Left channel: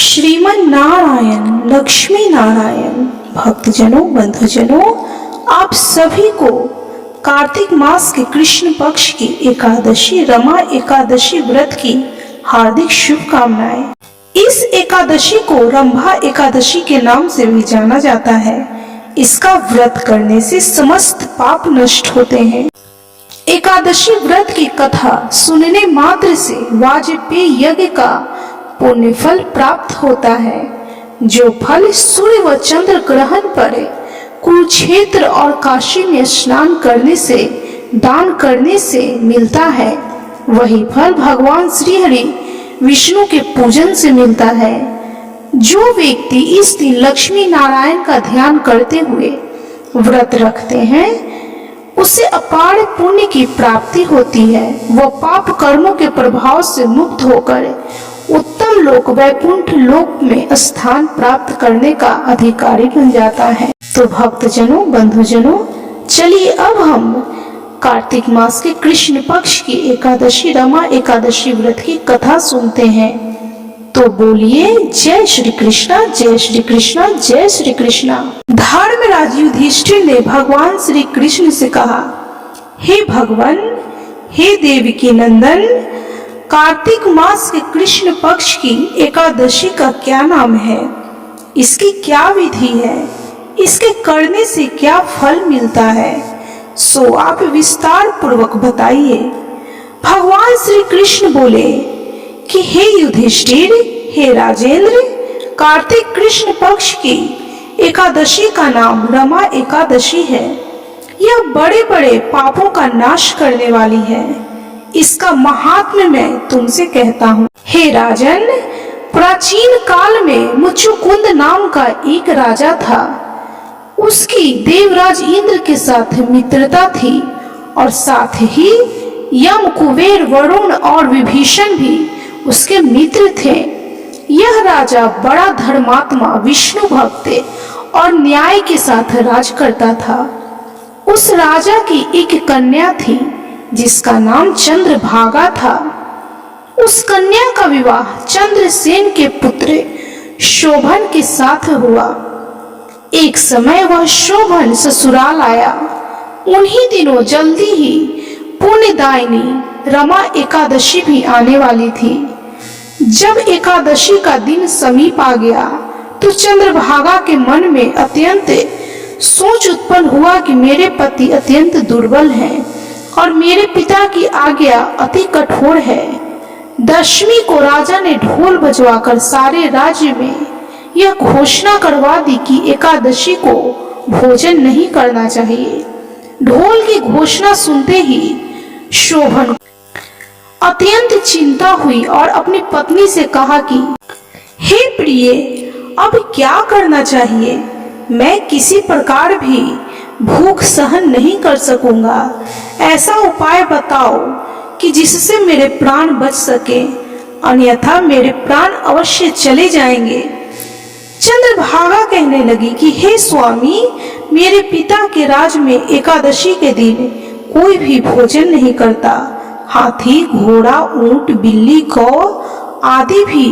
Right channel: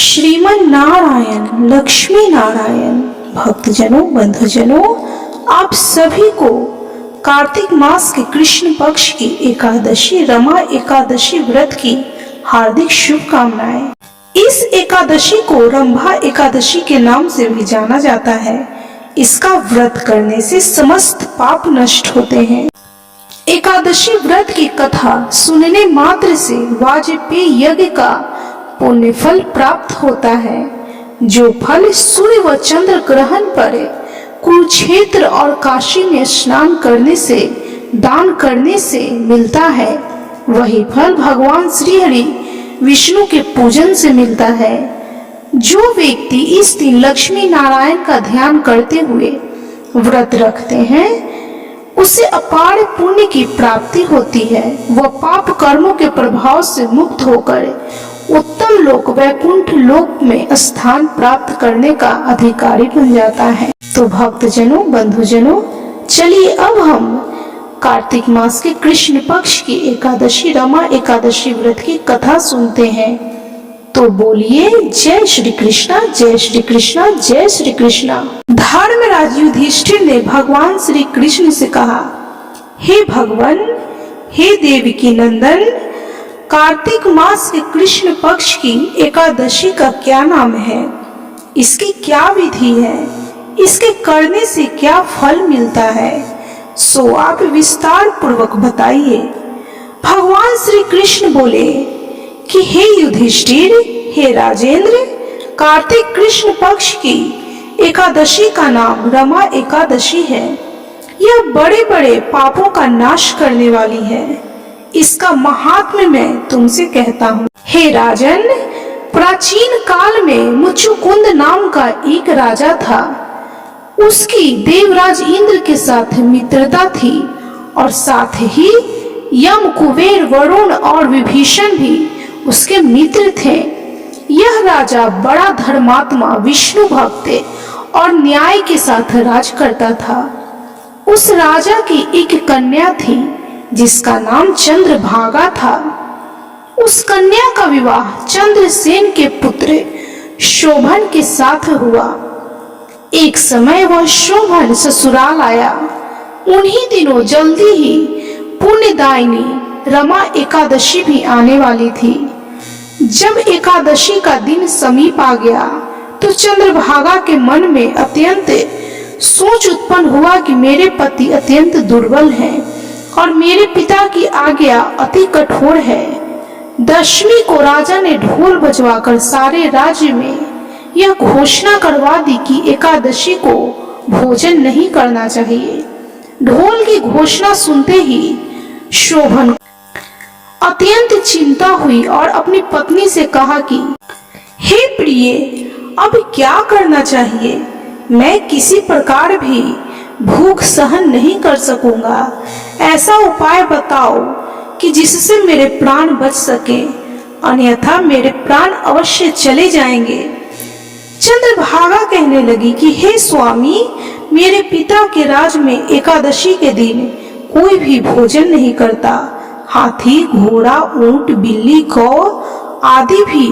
श्रीमन नारायण लक्ष्मी नारायण भक्तजनों बंधुजनों, आप सभी को कार्तिक मास के कृष्ण पक्ष की एकादशी रमा एकादशी व्रत की हार्दिक शुभकामनाएं। इस एकादशी को रंभा एकादशी के नाम से भी जाना जाता है। इसका व्रत करने से समस्त पाप नष्ट होते हैं। एकादशी व्रत की कथा सुनने मात्र से वाजपेयी यज्ञ का पुण्य फल प्राप्त होता है, जो फल सूर्य व चंद्र ग्रहण पर कुरुक्षेत्र और काशी में स्नान करने से दान करने से मिलता है, वही फल भगवान श्री हरि विष्णु के पूजन से मिलता है। जो व्यक्ति इस दिन लक्ष्मी नारायण का ध्यान करते हुए व्रत रखते हैं, उसे अपार पुण्य की प्राप्ति होती है। वह पाप कर्मों के प्रभाव से मुक्त होकर उत्तम लोक वैकुंठ लोक में स्थान प्राप्त करने का अधिकारी बन जाता है। तो भक्तजनों बंधुजनों, चलिए अब हम कार्तिक मास के कृष्ण पक्ष की एकादशी रमा एकादशी व्रत की कथा सुनते हैं। तो बोलिए जय श्री कृष्णा, जय श्री कृष्णा, जय श्री कृष्णा। धर्मराज युधिष्ठिर ने भगवान श्री कृष्ण से कहा, हे भगवान, हे देवकी नंदन, कार्तिक मास के कृष्ण पक्ष की एकादशी का क्या नाम है? इसकी क्या विधि है? इसके करने से क्या फल मिलता है? सो आप विस्तार पूर्वक बताइए। भगवान श्री कृष्ण बोले कि हे युधिष्ठिर, हे राजेंद्र, कार्तिक कृष्ण पक्ष की एकादशी का नाम रमा एकादशी है। यह बड़े बड़े पापों का नाश करने वाली है। इसका महात्म्य मैं तुमसे कहता हूँ। हे राजन, प्राचीन काल में मुचुकुंद नाम का एक राजा था। उसकी देवराज इंद्र के साथ मित्रता थी और साथ ही यम, कुबेर, वरुण और विभीषण भी उसके मित्र थे। यह राजा बड़ा धर्मात्मा, विष्णु भक्त और न्याय के साथ राज करता था। उस राजा की एक कन्या थी जिसका नाम चंद्रभागा था। उस कन्या का विवाह चंद्रसेन के पुत्र शोभन के साथ हुआ। एक समय वह शोभन ससुराल आया। उन्हीं दिनों जल्दी ही पुण्यदायिनी रमा एकादशी भी आने वाली थी। जब एकादशी का दिन समीप आ गया तो चंद्रभागा के मन में अत्यंत सोच उत्पन्न हुआ कि मेरे पति अत्यंत दुर्बल हैं और मेरे पिता की आज्ञा अति कठोर है। दशमी को राजा ने ढोल बजवाकर सारे राज्य में यह घोषणा करवा दी कि एकादशी को भोजन नहीं करना चाहिए। ढोल की घोषणा सुनते ही शोभन अत्यंत चिंता हुई और अपनी पत्नी से कहा कि हे प्रिय, अब क्या करना चाहिए? मैं किसी प्रकार भी भूख सहन नहीं कर सकूंगा। ऐसा उपाय बताओ कि जिससे मेरे प्राण बच सके, अन्यथा मेरे प्राण अवश्य चले जाएंगे। चंद्रभागा कहने लगी कि हे स्वामी, मेरे पिता के राज में एकादशी के दिन कोई भी भोजन नहीं करता। हाथी, घोड़ा, ऊंट, बिल्ली, गौ आदि भी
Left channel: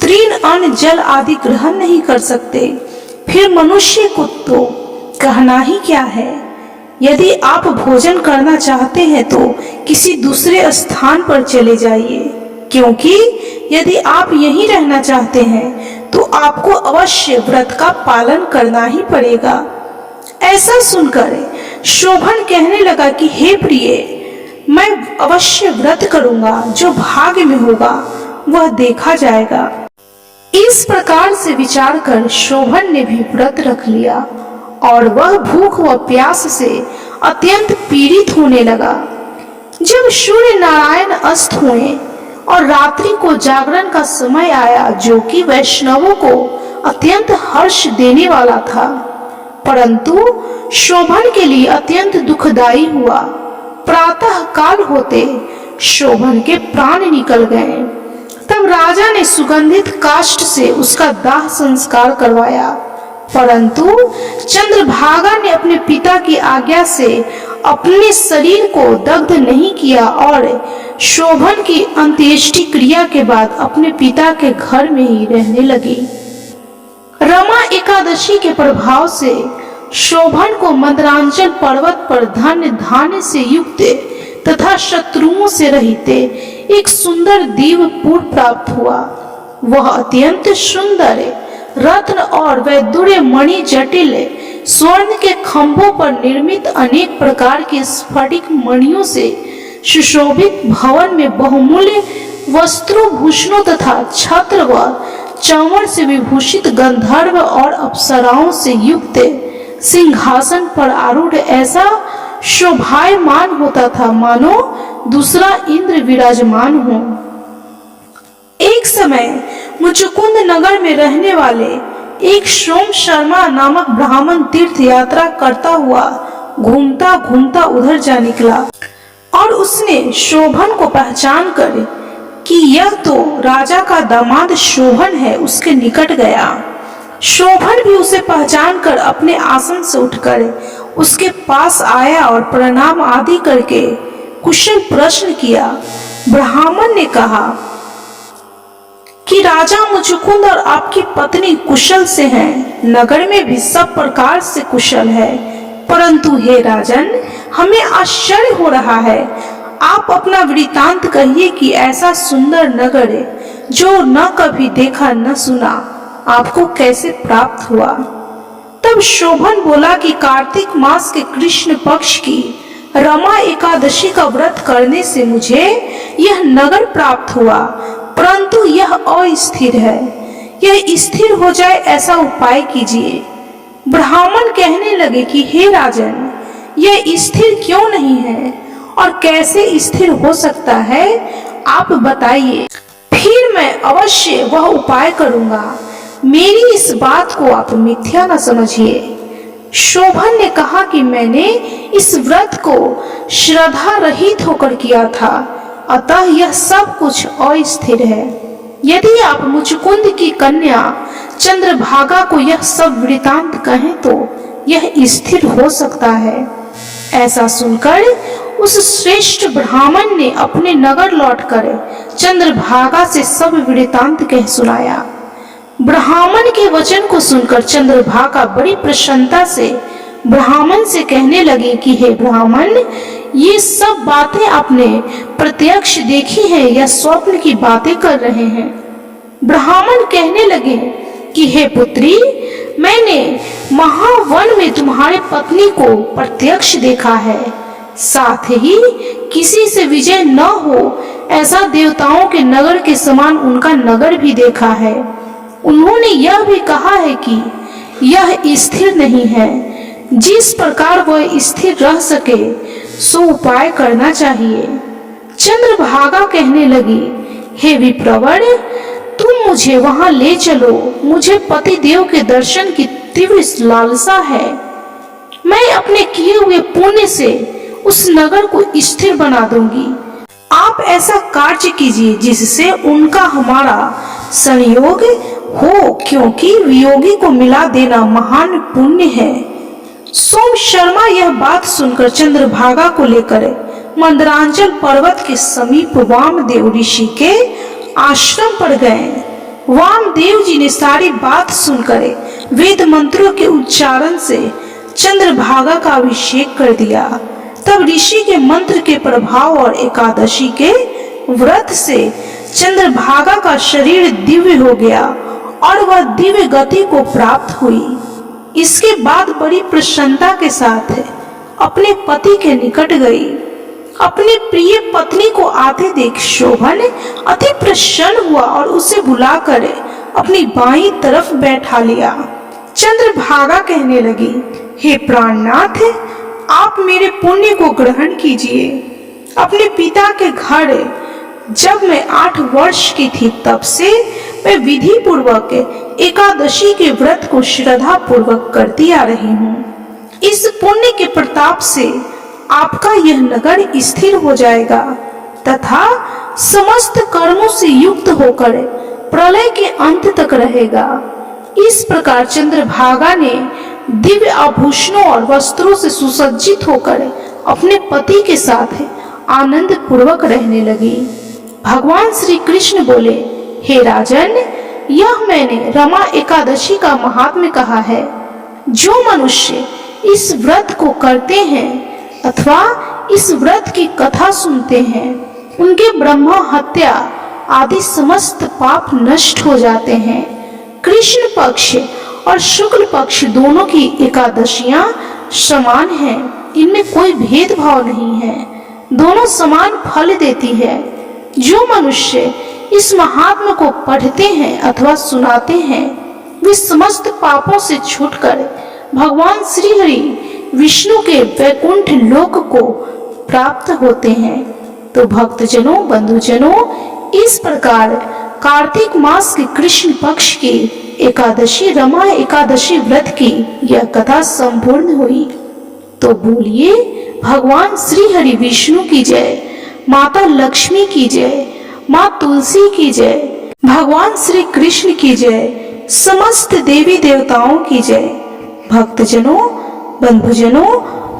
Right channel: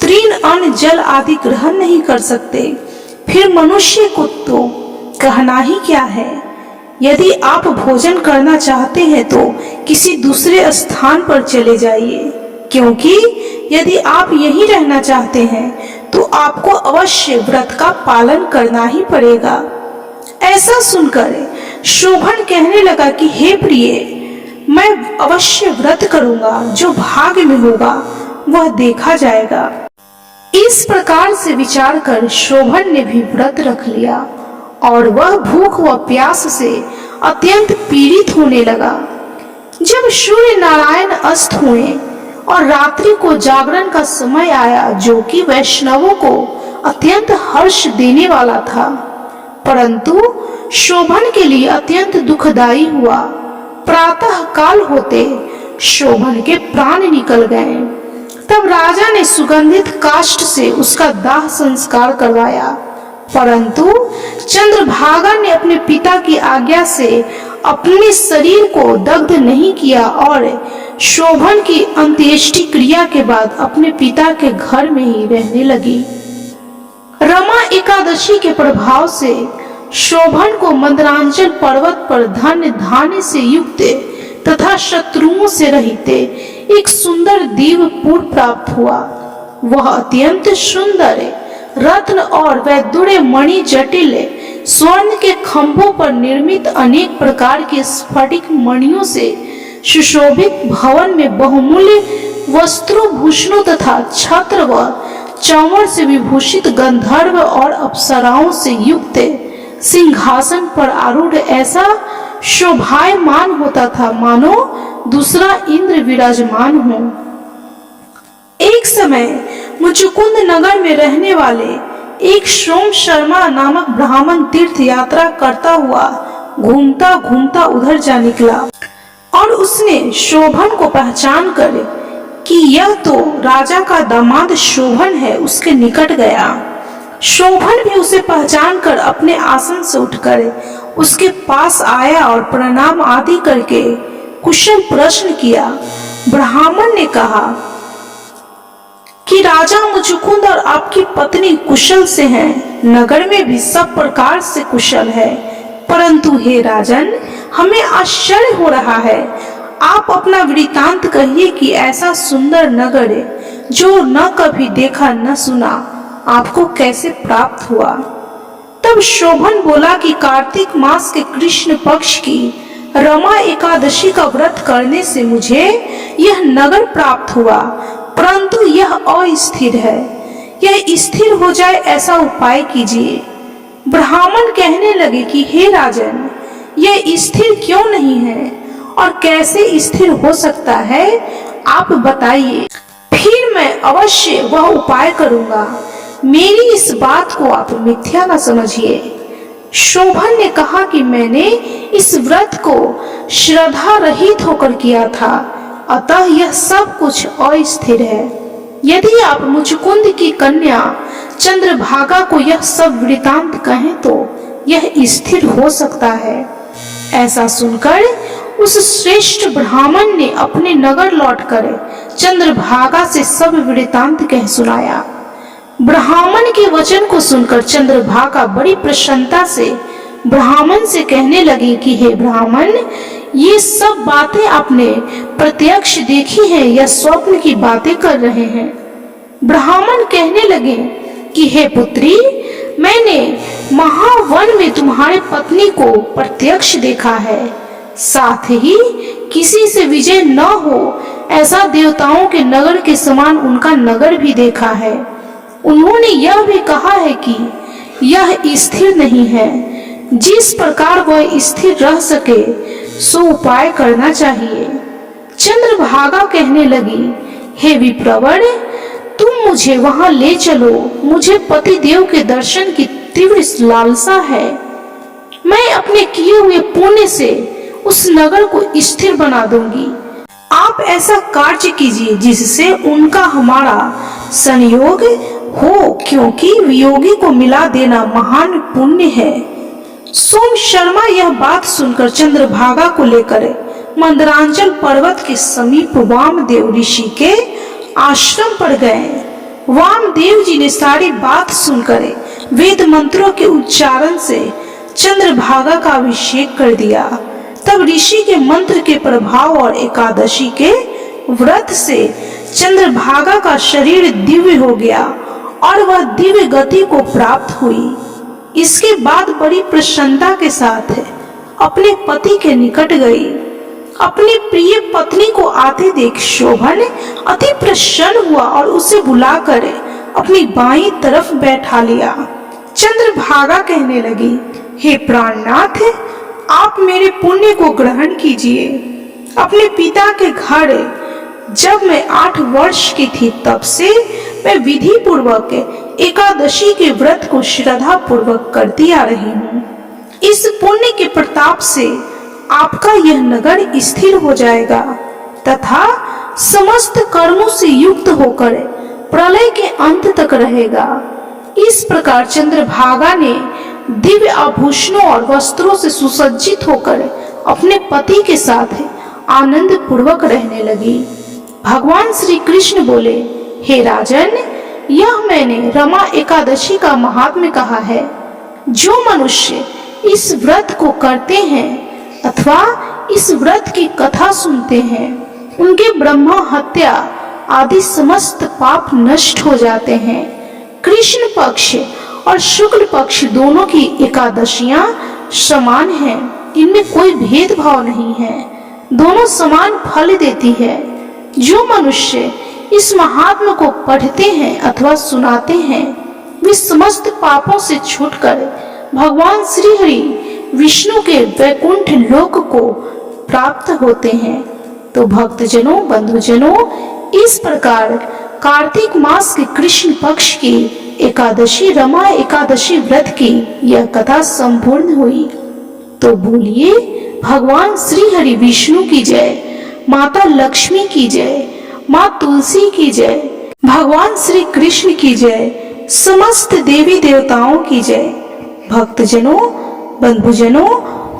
तृण, अन्न, जल आदि ग्रहण नहीं कर सकते। फिर मनुष्य को तो कहना ही क्या है। यदि आप भोजन करना चाहते हैं तो किसी दूसरे स्थान पर चले जाइए, क्योंकि यदि आप यहीं रहना चाहते हैं तो आपको अवश्य व्रत का पालन करना ही पड़ेगा। ऐसा सुनकर शोभन कहने लगा कि हे प्रिय, मैं अवश्य व्रत करूंगा। जो भाग्य में होगा वह देखा जाएगा। इस प्रकार से विचार कर शोभन ने भी व्रत रख लिया और वह भूख व प्यास से अत्यंत पीड़ित होने लगा। जब सूर्य नारायण अस्त हुए और रात्रि को जागरण का समय आया, जो कि वैष्णवों को अत्यंत हर्ष देने वाला था, परंतु शोभन के लिए अत्यंत दुखदायी हुआ। प्रातः काल होते शोभन के प्राण निकल गए। तब राजा ने सुगंधित काष्ठ से उसका दाह संस्कार करवाया, परंतु चंद्रभागा ने अपने पिता की आज्ञा से अपने शरीर को दग्ध नहीं किया और शोभन की अंत्येष्टि क्रिया के बाद अपने पिता के घर में ही रहने लगी। रमा एकादशी के प्रभाव से शोभन को मंदरांचल पर्वत पर धन्य धान्य से युक्त तथा शत्रुओं से रहित एक सुंदर दीवपुर प्राप्त हुआ। वह अत्यंत सुंदर रत्न और वैदुर्य मणि जटिल स्वर्ण के खंभों पर निर्मित अनेक प्रकार के स्फटिक मणियों से सुशोभित भवन में बहुमूल्य वस्त्रों भूषणों तथा छत्र व चंवर से विभूषित गंधर्व और अप्सराओं से युक्त सिंहासन पर आरूढ़ ऐसा शोभायमान होता था मानो दूसरा इंद्र विराजमान हो। एक समय मुचुकुंद नगर में रहने वाले एक सोम शर्मा नामक ब्राह्मण तीर्थ यात्रा करता हुआ घूमता घूमता उधर जा निकला और उसने शोभन को पहचान कर कि यह तो राजा का दामाद शोभन है उसके निकट गया। शोभन भी उसे पहचान कर अपने आसन से उठकर उसके पास आया और प्रणाम आदि करके कुशल प्रश्न किया। ब्राह्मण ने कहा कि राजा मुचुकुंद और आपकी पत्नी कुशल से हैं, नगर में भी सब प्रकार से कुशल है, परंतु हे राजन हमें आश्चर्य हो रहा है। आप अपना वृतांत कहिए कि ऐसा सुंदर नगर जो न कभी देखा न सुना आपको कैसे प्राप्त हुआ। तब शोभन बोला कि कार्तिक मास के कृष्ण पक्ष की रमा एकादशी का व्रत करने से मुझे यह नगर प्राप्त हुआ, परंतु यह अस्थिर है। यह स्थिर हो जाए ऐसा उपाय कीजिए। ब्राह्मण कहने लगे कि हे राजन यह स्थिर क्यों नहीं है और कैसे स्थिर हो सकता है, आप बताइए, फिर मैं अवश्य वह उपाय करूंगा। मेरी इस बात को आप मिथ्या न समझिए। शोभन ने कहा कि मैंने इस व्रत को श्रद्धा रहित होकर किया था, अतः यह सब कुछ अस्थिर है। यदि आप मुचुकुंद की कन्या चंद्रभागा को यह सब वृतांत कहें तो यह स्थिर हो सकता है। ऐसा सुनकर उस श्रेष्ठ ब्राह्मण ने अपने नगर लौटकर चंद्रभागा से सब वृतांत कह सुनाया। ब्राह्मण के वचन को सुनकर चंद्रभागा बड़ी प्रसन्नता से ब्राह्मण से कहने लगी कि हे ब्राह्मण, ये सब बातें आपने प्रत्यक्ष देखी हैं या स्वप्न की बातें कर रहे हैं। ब्राह्मण कहने लगे कि हे पुत्री, मैंने महावन में तुम्हारी पत्नी को प्रत्यक्ष देखा है, साथ ही किसी से विजय न हो ऐसा देवताओं के नगर के समान उनका नगर भी देखा है। उन्होंने यह भी कहा है कि यह स्थिर नहीं है, जिस प्रकार वह स्थिर रह सके सो उपाय करना चाहिए। चंद्रभागा कहने लगी, हे विप्रवर, तुम मुझे वहां ले चलो, मुझे पति देव के दर्शन की तीव्र लालसा है। मैं अपने किए हुए पुण्य से उस नगर को स्थिर बना दूंगी। आप ऐसा कार्य कीजिए जिससे उनका हमारा संयोग हो, क्योंकि वियोगी को मिला देना महान पुण्य है। सोम शर्मा यह बात सुनकर चंद्रभागा को लेकर मंदरांचल पर्वत के समीप वामदेव ऋषि के आश्रम पर गए। वामदेव जी ने सारी बात सुनकर वेद मंत्रों के उच्चारण से चंद्रभागा का अभिषेक कर दिया। तब ऋषि के मंत्र के प्रभाव और एकादशी के व्रत से चंद्रभागा का शरीर दिव्य हो गया और वह दिव्य गति को प्राप्त हुई। इसके बाद बड़ी प्रसन्नता के साथ अपने पति के निकट गई। अपनी प्रिय पत्नी को आते देख शोभन अति प्रसन्न हुआ और उसे बुलाकर अपनी बाईं तरफ बैठा लिया। चंद्रभागा कहने लगी, हे प्राणनाथ, आप मेरे पुण्य को ग्रहण कीजिए। अपने पिता के घर जब मैं 8 वर्ष की थी तब से मैं विधि पूर्वक एकादशी के व्रत को श्रद्धा पूर्वक करती आ रही हूँ। इस पुण्य के प्रताप से आपका यह नगर स्थिर हो जाएगा तथा समस्त कर्मों से युक्त होकर प्रलय के अंत तक रहेगा। इस प्रकार चंद्रभागा ने दिव्य आभूषणों और वस्त्रों से सुसज्जित होकर अपने पति के साथ आनंद पूर्वक रहने लगी। भगवान श्री कृष्ण बोले, हे राजन, यह मैंने रमा एकादशी का महात्म्य कहा है। जो मनुष्य इस व्रत को करते हैं अथवा इस व्रत की कथा सुनते हैं, उनके ब्रह्मा हत्या आदि समस्त पाप नष्ट हो जाते हैं। कृष्ण पक्ष और शुक्ल पक्ष दोनों की एकादशियां समान हैं, इनमें कोई भेदभाव नहीं है, दोनों समान फल देती है। जो मनुष्य इस महात्मा को पढ़ते हैं अथवा सुनाते हैं, वे समस्त पापों से छूटकर भगवान श्री हरि विष्णु के वैकुंठ लोक को प्राप्त होते हैं। तो भक्तजनों, बंधुजनों, इस प्रकार कार्तिक मास के कृष्ण पक्ष की एकादशी रमा एकादशी व्रत की यह कथा संपूर्ण हुई। तो बोलिए भगवान श्री हरि विष्णु की जय, माता लक्ष्मी की जय, माँ तुलसी की जय, भगवान श्री कृष्ण की जय, समस्त देवी देवताओं की जय। भक्तजनों, बंधुजनों,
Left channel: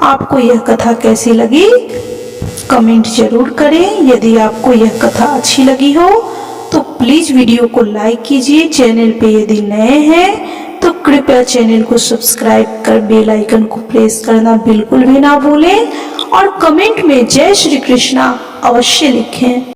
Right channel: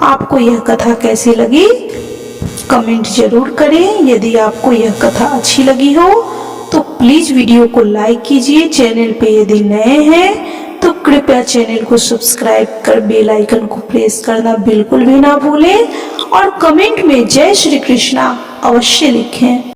आपको यह कथा कैसी लगी कमेंट जरूर करें। यदि आपको यह कथा अच्छी लगी हो तो प्लीज वीडियो को लाइक कीजिए। चैनल पे यदि नए हैं तो कृपया चैनल को सब्सक्राइब कर बेल आइकन को प्रेस करना बिल्कुल भी ना भूलें और कमेंट में जय श्री कृष्णा अवश्य लिखें।